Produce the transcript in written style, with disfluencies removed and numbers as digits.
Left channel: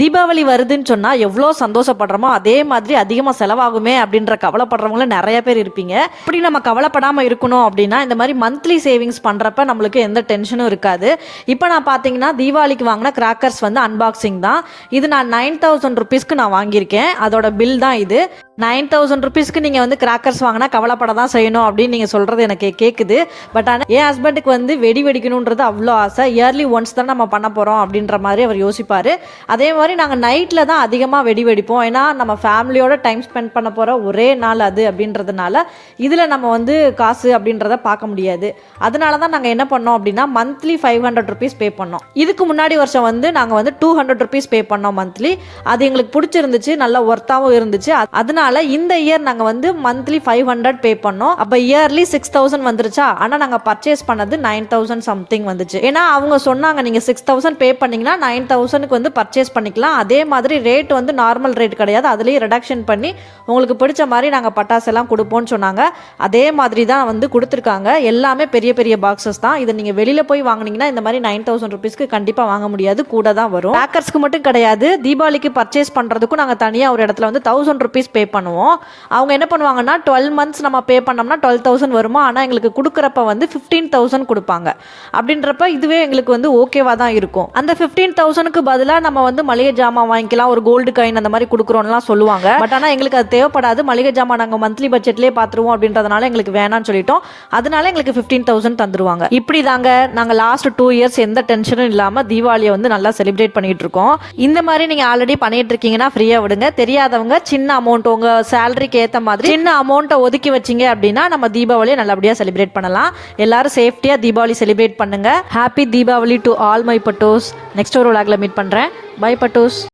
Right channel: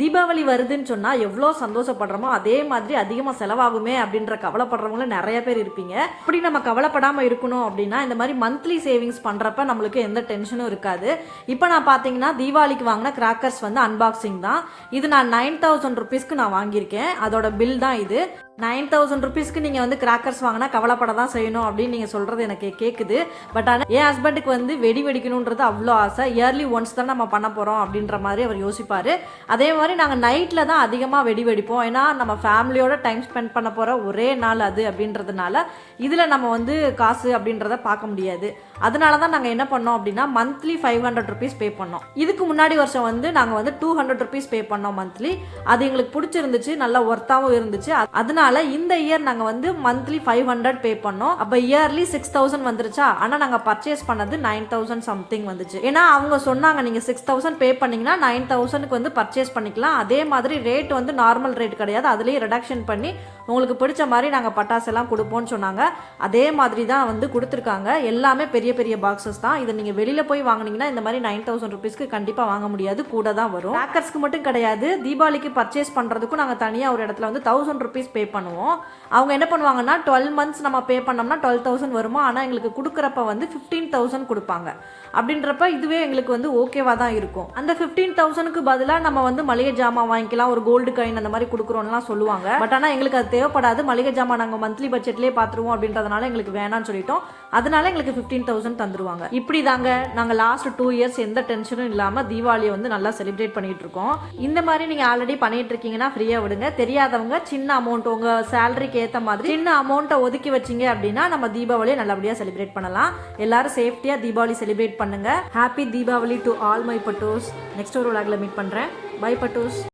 தீபாவளி வருதுன்னு சொன்னால் எவ்வளோ சந்தோஷப்படுறோமோ அதே மாதிரி அதிகமாக செலவாகுமே அப்படின்ற கவலைப்படுறவங்களும் நிறைய பேர் இருப்பீங்க. இப்படி நம்ம கவலைப்படாமல் இருக்கணும் அப்படின்னா இந்த மாதிரி மந்த்லி சேவிங்ஸ் பண்ணுறப்ப நம்மளுக்கு எந்த டென்ஷனும் இருக்காது. இப்போ நான் பார்த்தீங்கன்னா தீபாவளிக்கு வாங்கின கிராக்கர்ஸ் வந்து அன்பாக்சிங் தான். இது நான் 9000 ருபீஸ்க்கு நான் வாங்கியிருக்கேன். அதோட பில் தான் இது. 9000 ருபீஸ்க்கு நீங்கள் வந்து கிராக்கர்ஸ் வாங்கினா கவலைப்பட தான் செய்யணும் அப்படின்னு நீங்கள் சொல்கிறது எனக்கு கேட்குது. பட் ஆனால் என் ஹஸ்பண்டுக்கு வந்து வெடி வெடிக்கணுன்றது அவ்வளோ ஆசை. இயர்லி ஒன்ஸ் தான் நம்ம பண்ண போகிறோம் அப்படின்ற மாதிரி அவர் யோசிப்பார். அதே மாதிரி நாங்கள் நைட்டில் தான் அதிகமாக வெடி வெடிப்போம். ஏன்னா நம்ம ஃபேமிலியோட டைம் ஸ்பெண்ட் பண்ண போகிற ஒரே நாள் அது அப்படின்றதுனால இதில் நம்ம வந்து காசு அப்படின்றத பார்க்க முடியாது. அதனால தான் நாங்கள் என்ன பண்ணோம் அப்படின்னா மந்த்லி 500 ருபீஸ் பே பண்ணோம். இதுக்கு முன்னாடி வருஷம் வந்து நாங்கள் வந்து 200 ருபீஸ் பே பண்ணோம் மந்த்லி. அது எங்களுக்கு பிடிச்சிருந்துச்சு, நல்ல ஒர்த்தாகவும் இருந்துச்சு. அதனால இந்த இயர் நாங்கள் வந்து மந்த்லி 500 பே பண்ணோம். அப்போ இயர்லி 6000 வந்துருச்சா. ஆனால் நாங்கள் பர்ச்சேஸ் பண்ணது 9000 சம்திங் வந்துச்சு. ஏன்னா அவங்க சொன்னாங்க நீங்கள் 6000 பே பண்ணீங்கன்னா 9000க்கு வந்து பர்ச்சேஸ் பண்ணிக்கலாம். அதே மாதிரி ரேட் வந்து நார்மல் ரேட் கிடையாது, அதுலேயே ரிடக்ஷன் பண்ணி உங்களுக்கு பிடிச்ச மாதிரி நாங்கள் பட்டாசு எல்லாம் கொடுப்போம்னு சொன்னாங்க. அதே மாதிரி தான் வந்து கொடுத்துருக்காங்க. எல்லாமே பெரிய பெரிய பாக்ஸஸ் தான். இதை நீங்கள் வெளியில் போய் வாங்கினீங்கன்னா இந்த மாதிரி 9000 ருபீஸ்க்கு கண்டிப்பாக வாங்க முடியாது, கூட தான் வரும். பேக்கர்ஸ்க்கு மட்டும் கிடையாது, தீபாவளிக்கு பர்ச்சேஸ் பண்ணுறதுக்கும் நாங்கள் தனியாக ஒரு இடத்துல வந்து 1000 ருபீஸ் பே பண்ணுவோம். அவங்க என்ன பண்ணுவாங்கன்னா 12 மந்த்ஸ் நம்ம பே பண்ணோம்னா 12,000 வருமா. ஆனால் எங்களுக்கு கொடுக்குறப்ப வந்து 15,000 கொடுப்பாங்க. அப்படின்றப்ப இதுவே எங்களுக்கு வந்து ஓகேவா தான் இருக்கும். அந்த 15,000க்கு பதிலாக நம்ம வந்து மளிகை ஜாமான் வாங்கிக்கலாம், ஒரு கோல்டு காயின் அந்த மாதிரி கொடுக்குறோம்லாம் சொல்லுவாங்க. பட் ஆனால் எங்களுக்கு அது தேவைப்படாது. மளிகை ஜாமான் நாங்கள் மந்த்லி பட்ஜெட்லேயே பார்த்துருவோம் அப்படின்றதுனால எங்களுக்கு வேணாம்னு சொல்லிட்டோம். அதனால எங்களுக்கு 15,000 தந்துருவாங்க. இப்படி தாங்க நாங்கள் லாஸ்ட் 2 இயர்ஸ் எந்த டென்ஷனும் இல்லாமல் தீபாவளியை வந்து நல்லா செலிப்ரேட் பண்ணிட்டு இருக்கோம். இந்த மாதிரி நீங்கள் ஆல்ரெடி பண்ணிட்டு இருக்கீங்கன்னா ஃப்ரீயாக விடுங்க. தெரியாதவங்க சின்ன அமௌண்ட் உங்கள் சேலரிக்கு ஏற்ற மாதிரி சின்ன அமௌண்ட்டை ஒதுக்கி வச்சிங்க அப்படின்னா நம்ம தீபாவளியை நல்லபடியாக செலிப்ரேட் பண்ணலாம். எல்லாரும் சேஃப்டியாக தீபாவளி செலிப்ரேட் பண்ணுங்க. Happy Deepavali to all my பட்டோஸ். Next ஒரு விளாக்ல மீட் பண்ணுறேன். பை பட்டோஸ்.